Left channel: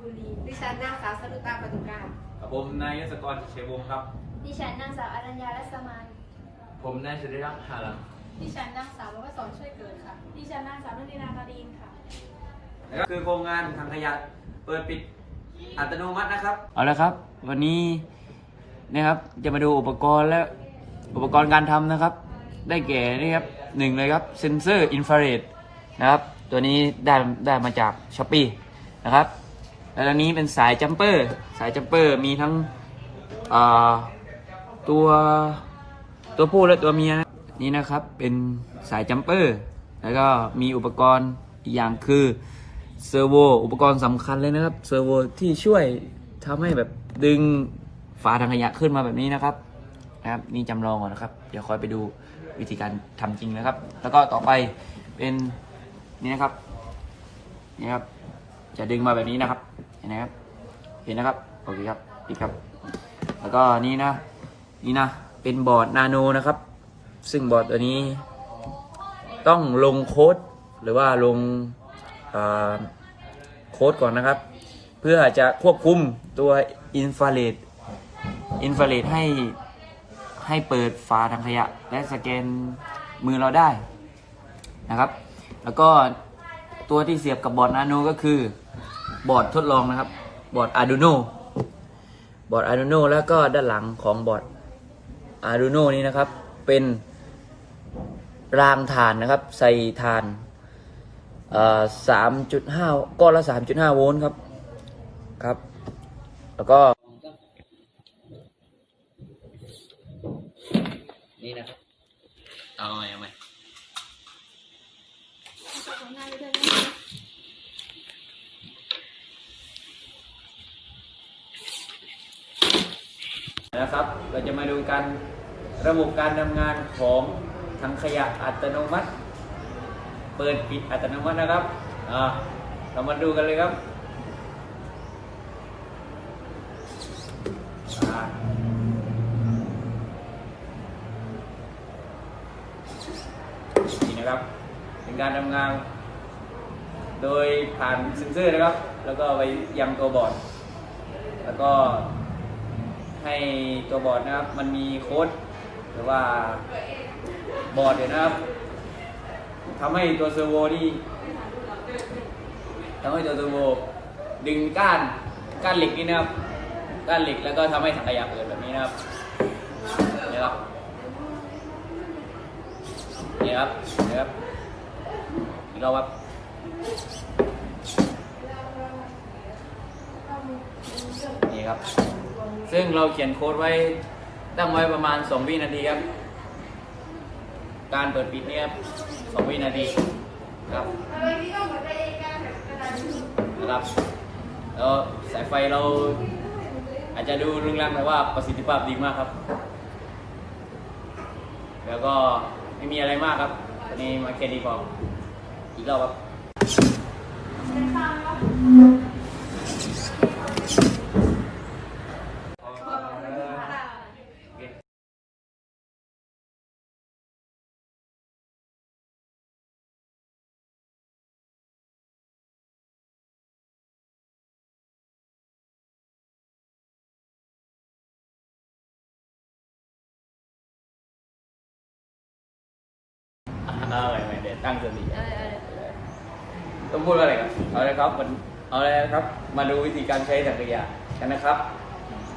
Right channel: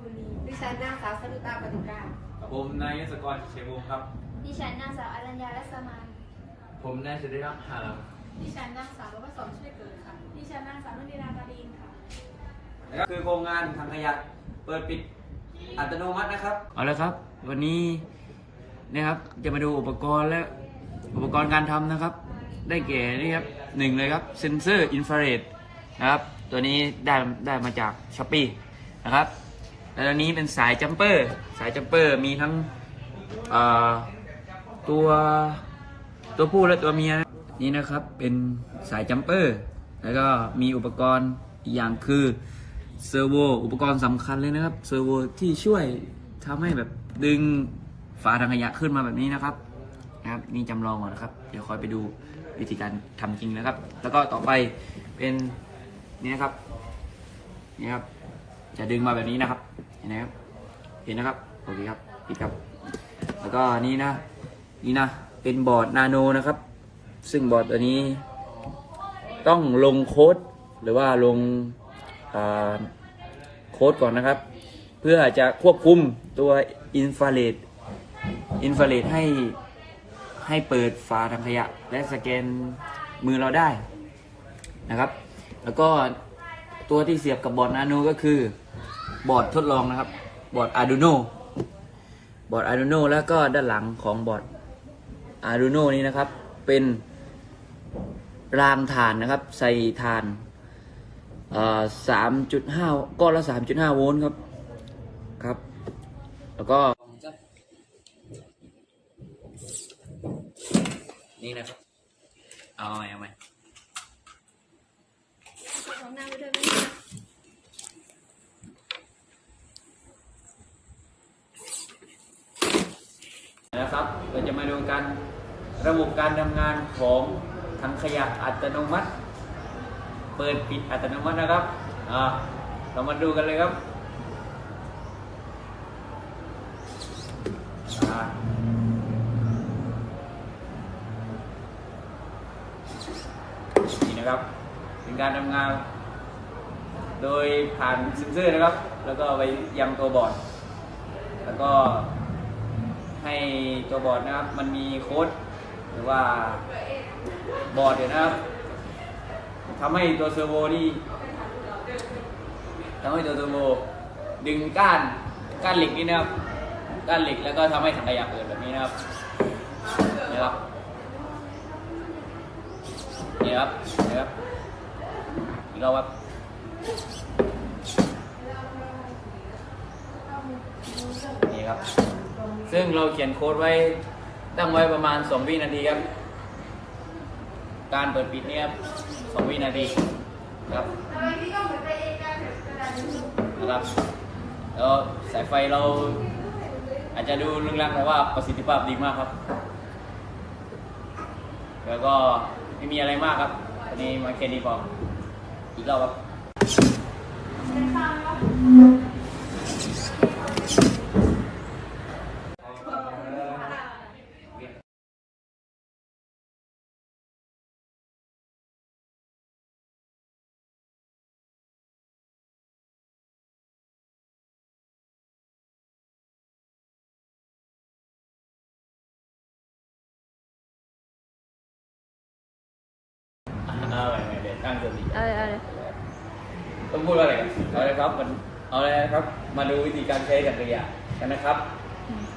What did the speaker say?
บุรี ดิฉันนางสาวสรุตาปตุการกับผมนายยศกรชัยวงศ์ครับ ดิฉันนางสาวอรัญญาและสมานผมนายสุริรักษ์หาลังดิฉันนางสาวรวสอนช่วยเกิดค่ะ ดิฉันนางสาวนุ่นดีนาตาดีนค่ะ นะครับคือโครงงานทางขยะเปิดปิดอัตโนมัตินะครับเอาละครับ วันนี้เนี่ยครับจะมาดูอุปกรณ์และอุปกรณ์การทำนะครับ ได้แก่นี่ครับหนึ่งเลยครับเซนเซอร์อินฟราเรดนะครับ ตัวนี้ได้ได้มาจากช้อปปีนะครับแล้วอันนี้เป็นสายจัมเปอร์ สายจัมเปอร์มีทั้งตัวตัวผู้และตัวเมียนี่นะครับเป็นสายจัมเปอร์ แล้วก็มีอุปกรณ์อีกอย่างคือเซอร์โวอุปกรณ์สำคัญเลยนะครับเซอร์โวที่ช่วยทำให้แบบดึงฝาถังขยะขึ้นมาแบบนี้นะครับนะครับนี่จำลองก่อนนะครับ เดี๋ยวคอยไปดูวิธีการทำจริงนะครับ แล้วก็ต่อไปเป็น นี่นะครับ นี่ครับ จะดึงมาแบบนี้นะครับ เห็นนะครับ เห็นนะครับ โอเคครับ ปิดครับ แล้วก็นี่นะ นี่นะ เป็นบอร์ดนาโนนะครับ ซึ่งบอร์ดตัวนี้ ต้องลงโค้ดหรือว่าลงโค้ดก่อนนะครับ เพื่อจะควบคุมตัวอินฟราเรดอินฟราเรดให้ให้เปิดฝาถังขยะ และสแกนมือเราได้นะครับ แล้วก็ตัวที่เสียบกับบอร์ดนาโนก็คือบอร์ดทดลองนะครับ บอร์ด Arduino บอร์ด Arduino แล้วก็ด้านหลังของบอร์ด Arduino นี้นะครับ เป็นรางฐานนะครับ ใส่ฐานสามจุดห้าก้อนละสามจุดห้าโวลต์ครับครับ แล้วก็นี่นะครับ เอาใหมเอาใหม นะครับเราจะมาดูกันระบบการทำงานของถังขยะอัตโนมัติ เปิดปิดอัตโนมัตินะครับเรามาดูกันเลยครับนี่นะครับเป็นการทำงาน โดยผ่านเซ็นเซอร์นะครับ แล้วก็ไปยังตัวบอร์ด แล้วก็ ให้ตัวบอร์ดนะครับ มันมีโค้ดหรือว่าบอร์ดเดี๋ยวนะครับทำให้ตัวเซอร์โวที่ทำให้ตัวเซอร์โวดึงก้านก้านเหล็กนี่นะครับก้านเหล็กแล้วก็ทำให้ถังขยะเปิดแบบนี้นะครับนี่ครับนี่ครับนี่ครับอีกรอบครับนี่ครับ ซึ่งเราเขียนโค้ดไว้ตั้งไว้ประมาณ 2 วินาทีครับ การเปิดปิดเนี่ยครับ2วินาทีครับนะครับแล้วสายไฟเราอาจจะดูลึงลังแต่ว่าประสิทธิภาพดีมากครับ แล้วก็ไม่มีอะไรมากครับตอนนี้มาแค่นี้พออีกรอบครับ เออไม่ได้ตั้งสติอะไรอะไรต้องพูดว่าอะไรกันเอาเลยครับมันเอาเลยครับ มาดูวิธีการใช้จักรยานกันนะครับ